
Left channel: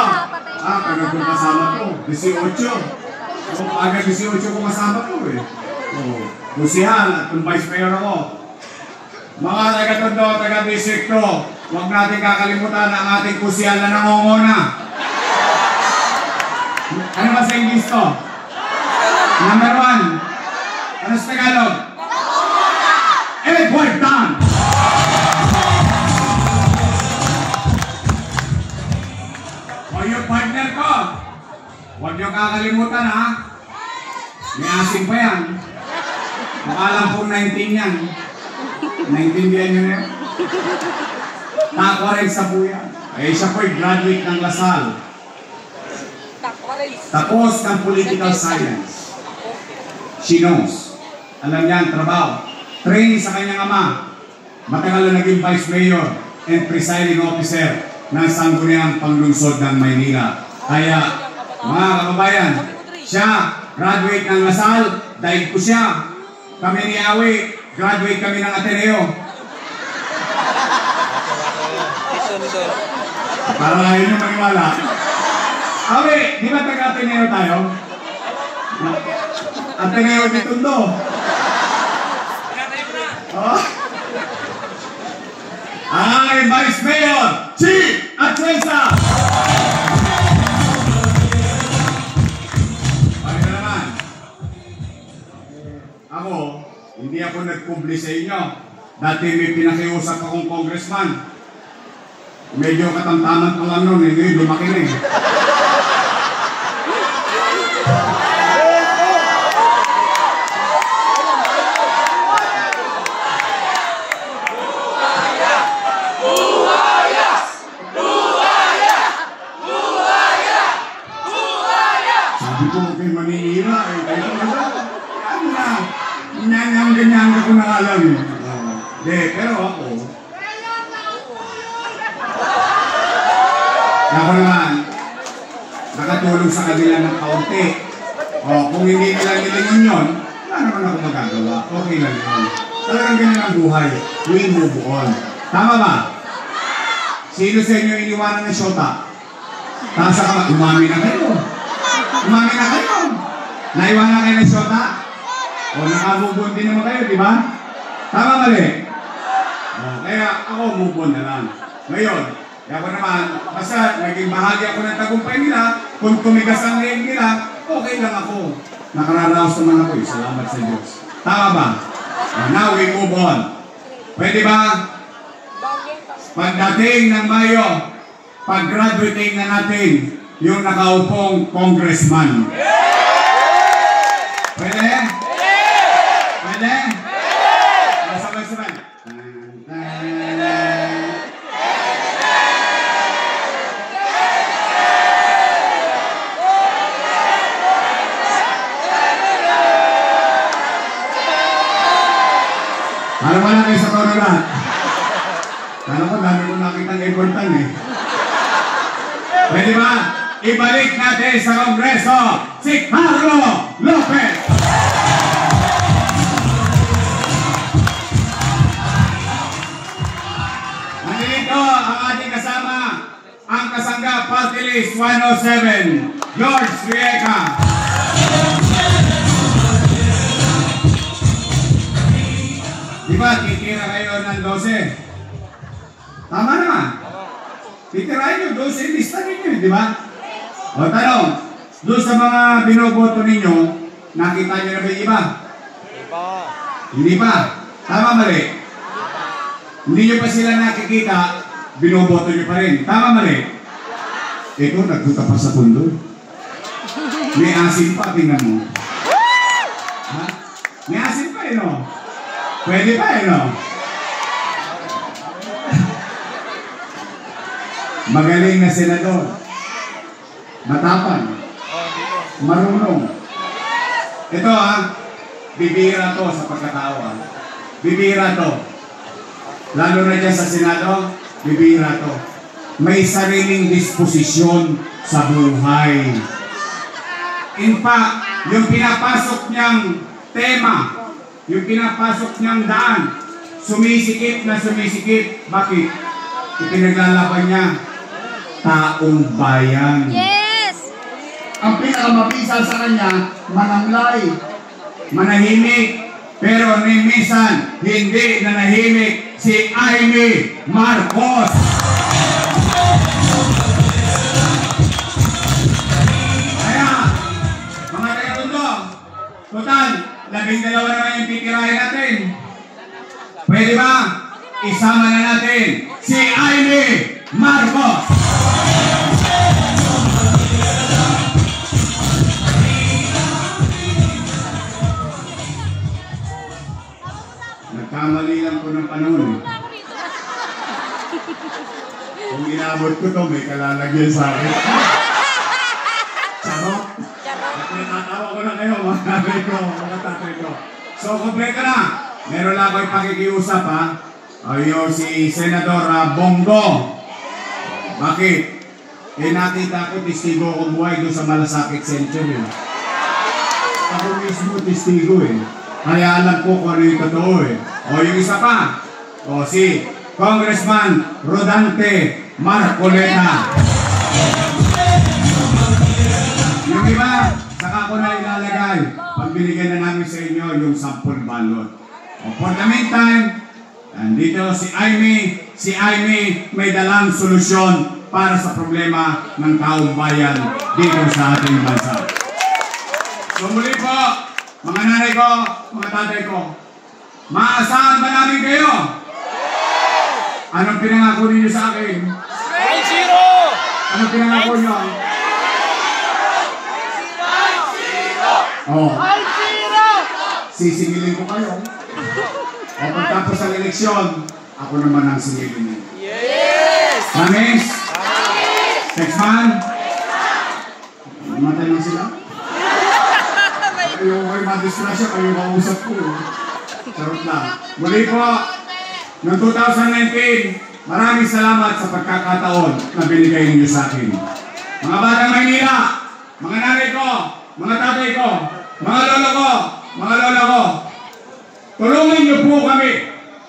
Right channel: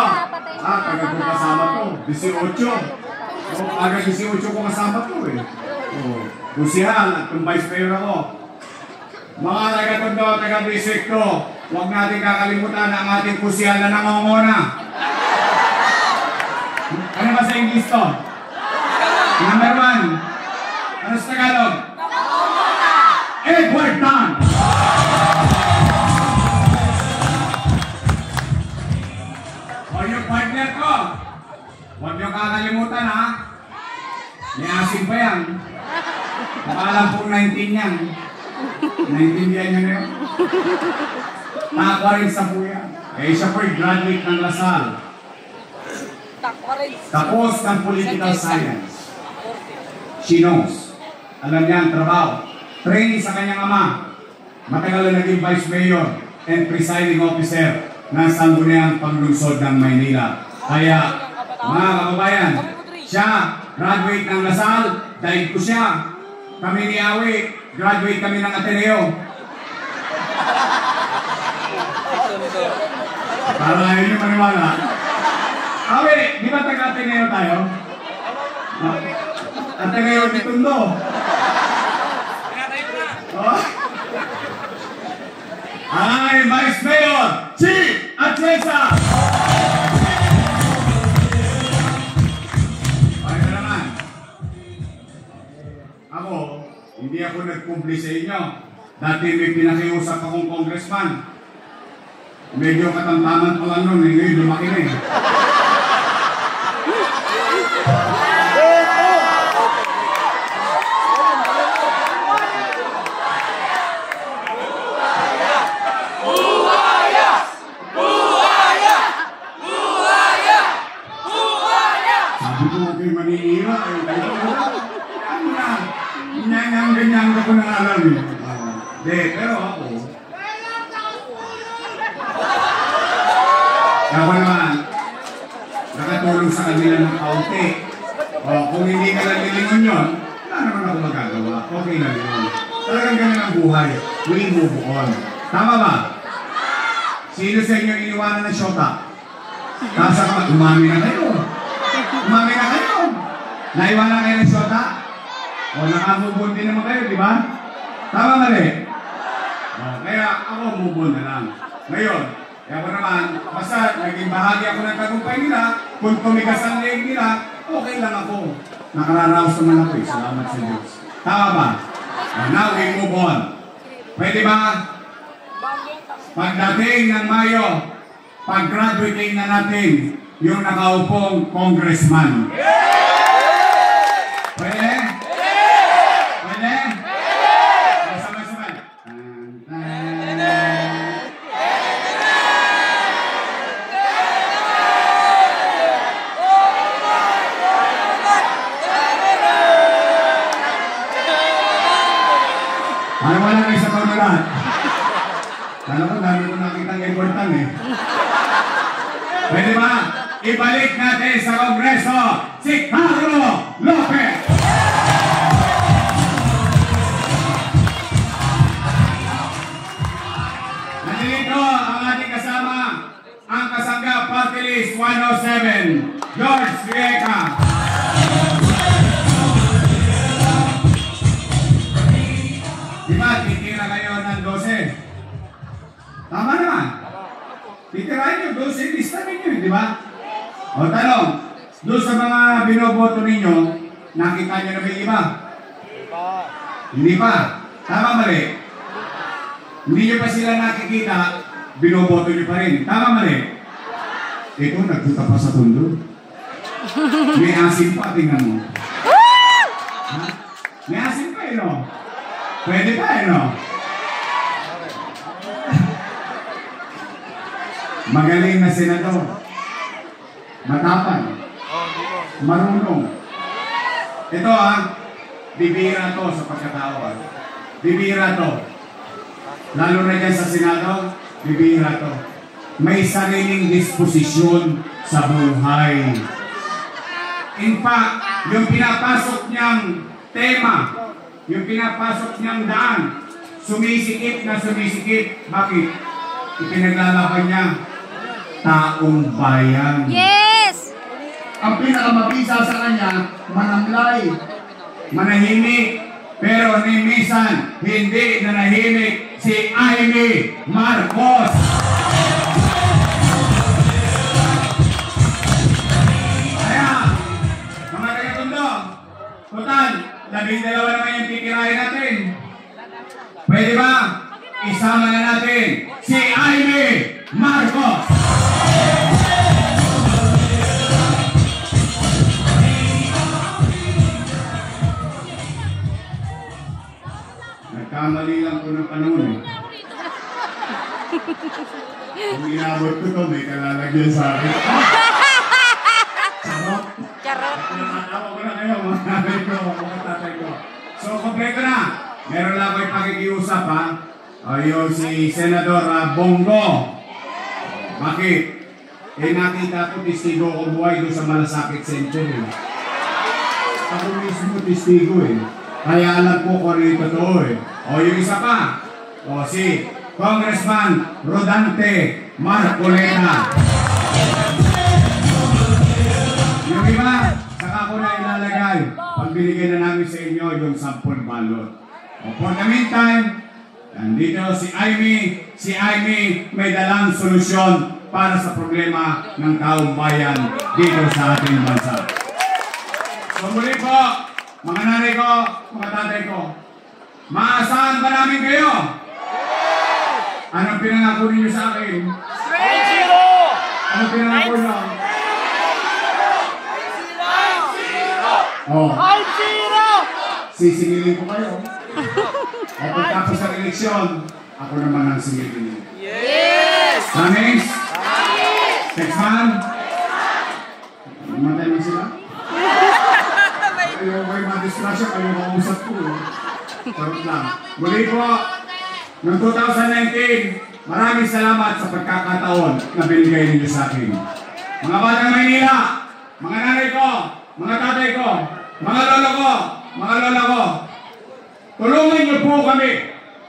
Agad ko kasama ko. 18. Agad 18 ko kasama ko eh. Kusihal at yung vice mayor ako. Mga taga-tondo, taga-distrikto, huwag natin kakalimutan ang ating kusihal na nangongona. Ano ba sa English to? Number 1. Ano sa Tagalog? Edward Tan! O yung partner ko, huwag niyo kakalimutan ha. May asim pa yan. Nakalang pong 19 yan. 19 yan yun eh. Takwa rin sa buyan. Eh siya po'y graduate ng Lasal. Tapos ng political science. She knows. Alam niya ang trabaho. Training sa kanyang ama. Matagal na naging vice mayor and presiding officer ng Sangguniang Panglungsod ng Maynila. Kaya, mga kababayan, siya, graduate ng Lasal, dahil ko siya. Kami ni Awi, graduate kami ng Ateneo. Para lang yun yung maniwala. Awi, di ba taga-Ateneo tayo? Ateneo di Tondo. Oh? Ay, Vice Mayor, Chief Atienza! Pare ka naman. Ako, hindi ako nag-publish sa inyo. Dati may pinakiusap akong congressman. Medyo katamtaman pa lang nun, ngayon lumaki na eh. Sabi ko kay Manila eh, kaya ganyan ko na alam eh. Pero ako, ako naman, nakatulong sa kanila ng kaunti. O, kung hindi nila nilingon yun, wala naman ako magagawa. Okay lang yun. Talagang ganyan ang buhay. We move on. Tama ba? Sino sa inyo iniwanan ng syota? Tapos ako, umami na kayo. Umami na kayo. Naiwanan kayo ng syota? O, nakamubon din naman kayo, di ba? Tama mali? O, kaya ako move on na lang. Ngayon, kaya ako naman, basta naging bahagi ako ng tagumpay nila, kung tumigas ang leg nila, okay lang ako. Nakararaos naman ako eh. Salamat sa Diyos. Tama ba? And now we move on. Pwede ba? Pagdating ng Mayo, pag-graduating na natin yung nakaupong congressman. Pwede? Pwede? Sabay-sabay. Ano ba na kayo sa panulat? Kala ko dami ko nakita ng important eh. Pwede ba? Ibalik natin sa Kongreso si Carlo Lopez! Nandito ang ating kasama, ang Kasanggap Party List 107, George Vieca. Diba, titira kayo ng 12? Tama naman. Titirahin nyo, 12 lista ninyo, di ba? O tanong, doon sa mga binoboto ninyo, nakita nyo na ba yung iba? Hindi pa. Tama mali? Hindi nyo pa sila nakikita, binoboto nyo pa rin. Tama mali? Ito, nagpunta pa sa tundo. May asin pa, tingnan mo. Ha? May asin pa, no? Pwede pa, no? Magaling na senador. Matapang. Marunong. Ito bibira to sa pagkatao Bibira to. Lalo na dyan sa Senado, bibira to. May sariling disposisyon sa buhay. In fact, yung pinapasok niyang tema, yung pinapasok niyang daan, sumisikip na sumisikip. Bakit? Ipinaglalaban niya taong bayan. Yes! Ang pinakamabisa sa kanya, manamlay, manahimik, pero ni minsan hindi nanahimik si Amy Marcos. Kaya Pwede ba? Isama na natin si Amy Marcos. Nagkamali lang ko ng panahon. Kung inabot ko to, may kalalagyan sa akin. Charot? Nakatawa ko na kayo, mga tatay ko, mga tatay ko. So, kompleto na. Meron lang kayo pakikiusap, ha? Yung si Senador Bongo. Bakit? Eh, nakita ko, testigo ko buhay doon sa Malasakit Century. Ako mismo testigo, eh. Kaya alam ko kung ano yung totoo, eh. O, yung isa pa. O, si Congressman Rodante Marcoleta. Yung iba, saka ko na ilalagay. Pag binigyan na namin sa inyo yung 10 balot. O, for the meantime, nandito si Amy may dalang solusyon para sa problema ng taong bayan dito sa ating bansa. So muli po, mga nanay ko, mga tatay ko, maasahan ba namin kayo? Anong pinangako ninyo sa akin? 0! Anong pinangako nyo? Oh. Sisingilin ko kayo. O pagtapos ng eleksyon, ako naman ang singilin. Yes! Promise? Next man? Namatay lang sila? Ayaw kayo madisgrasya, kayo kausap ko. Charot lang. Muli po, noong 2019, maraming salamat sa pagkakataon na binigay ninyo sa akin. Mga batang Maynila, mga nanay ko, mga tatay ko, mga lola ko, tulungan niyo po kami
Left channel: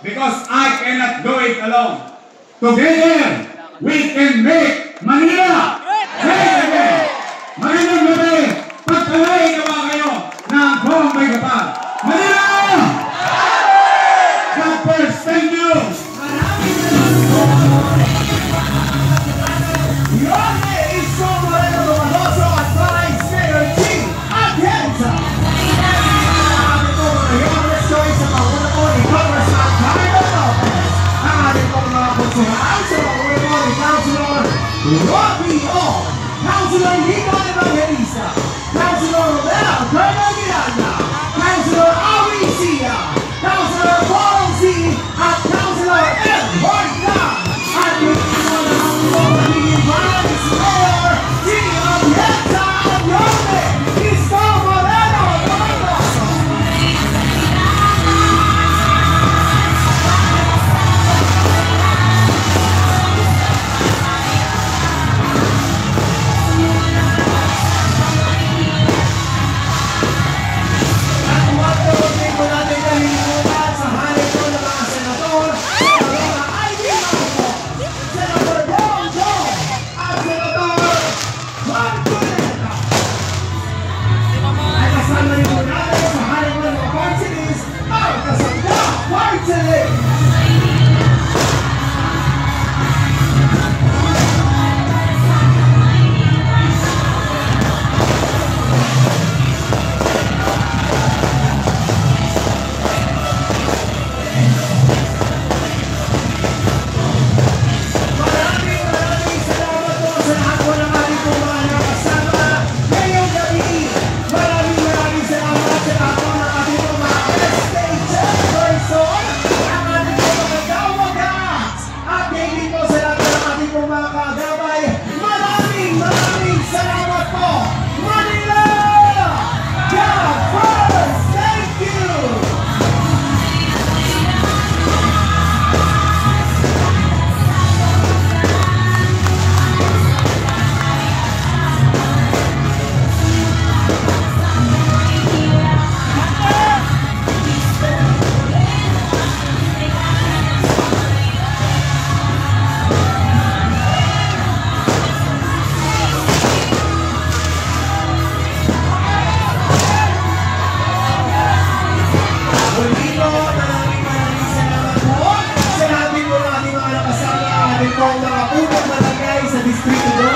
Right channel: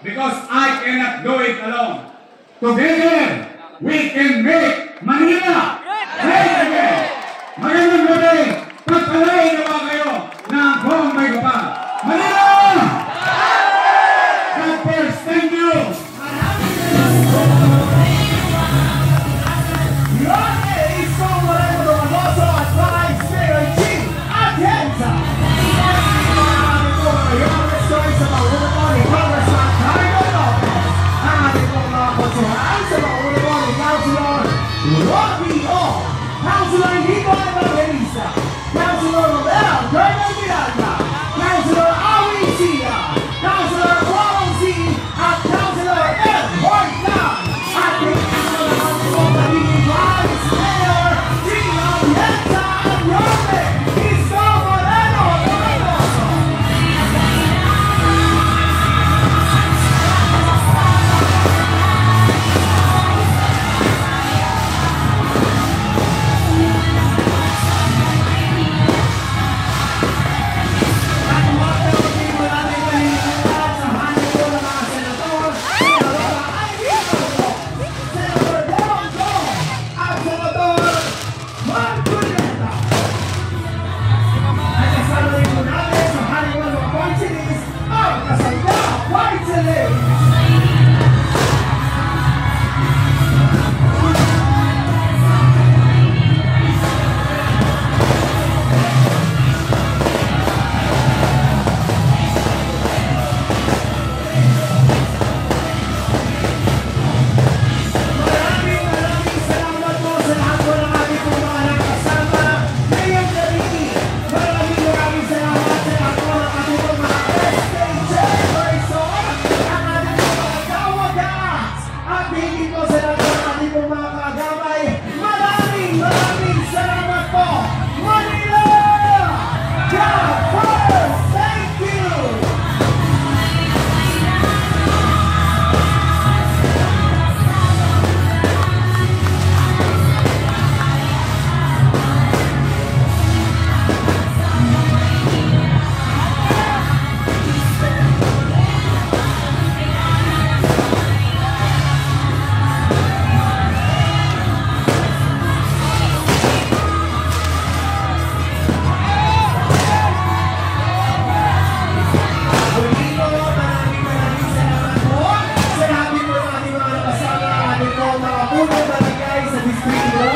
because I cannot do it alone. Together, we can make Manila great again. Magandang gabi, pagkalain na ba kayo ng Bombay Kapag? Manila! God first, thank you! Your name is so Moreno, also advised Mayor G. Atienza. Your choice sa pauna ko ni Congressman Carlo Lopez. Ang ating po mga konsulan sa pauna ko ni Councilor Rocky O. Councilor Nico Evangelista. Councilor Romero Carmen Miranda. Councilor Awi Sia. Councilor Paul C. At Councilor Ed Horta. At yung Vice Mayor G. Atienza Abrone. Isko Moreno. Mga unang barangay sa Distrito